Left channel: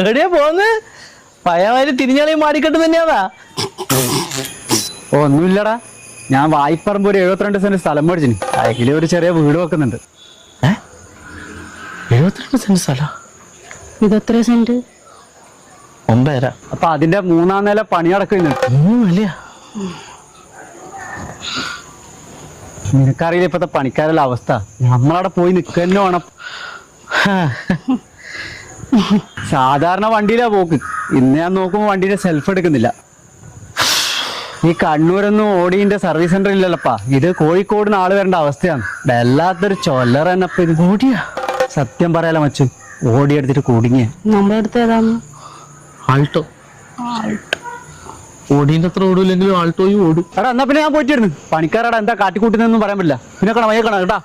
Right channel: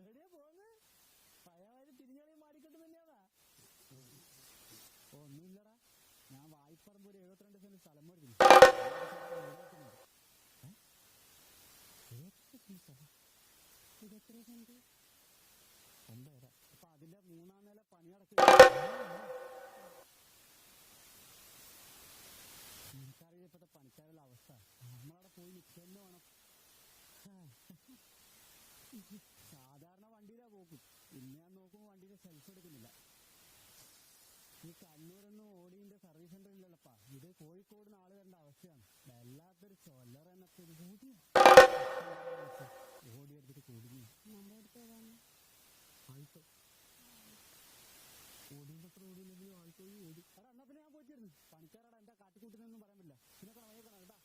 എവിടെയാ പോന്ന്? പയ്യമാര് തിരിഞ്ഞളി മാടിക്കെട്ട് തന്നെയാതാ? ഒന്നുമില്ലടാ, ഞാൻ വായ്പറമ്പ് ഒരു 72 സെന്റ് സ്ഥലം മേടിച്ചിന്. അതില് ഒരു ചെറിയ വീട് വെക്കുന്നുണ്ട്. 72 സെന്റ് സ്ഥലം? ഇതെത്ര സെന്റ്? 9.5. അപ്പൊ അതിന്റെ 3-ാം നില പണി നടക്കുന്നുണ്ട്. 3 നിലയാ? നിനക്കറിയില്ല ഇപ്പത്തെ പണിക്കാരുടെ അവസ്ഥ. നമ്മളവിടെ പോയി നിൽക്കുക തന്നെ വേണം. സാധാരണ വണ്ടിയിലാ പോക്ക്. ഇന്ന് ഞാൻ നോക്കുമ്പോ വണ്ടിയുടെ സെൽഫ് എടുക്കുന്നില്ല. ഈ കണ്ണൂരൊന്നും ഓടിന്റെ സർവീസ് സെന്റർ ഇല്ലല്ലപ്പാ. ഇത് കോഴിക്കോടിന് ആള് വരേണ്ട അവസ്ഥയാണ്. വല്ലാത്തൊരു ചൊല്ലറ തന്നെ. ഇപ്പൊ ഇത് ഓടിയാ സത്യം പറയാലോ മച്ചു, ഓടി എടുത്തിട്ട് കുടുങ്ങിയ. നമ്മുടെ അടുത്ത് ഏതാന്ന്? ആൾട്ടോ. ഓടീന്റെ അത്ര ഓടൂല്ലെങ്കിലും ആൾട്ടോയും ഓടും. എടാ എന്നാ പിന്നെ ഞാൻ പോയിട്ടിരുന്നു. പണിക്കാരടാ എന്താ കാട്ടിക്കൂട്ടുന്നൊന്നും പറയാൻ പറ്റില്ല. പിന്നെ കാണാം, വയ്യ കാണാം കേട്ടാ.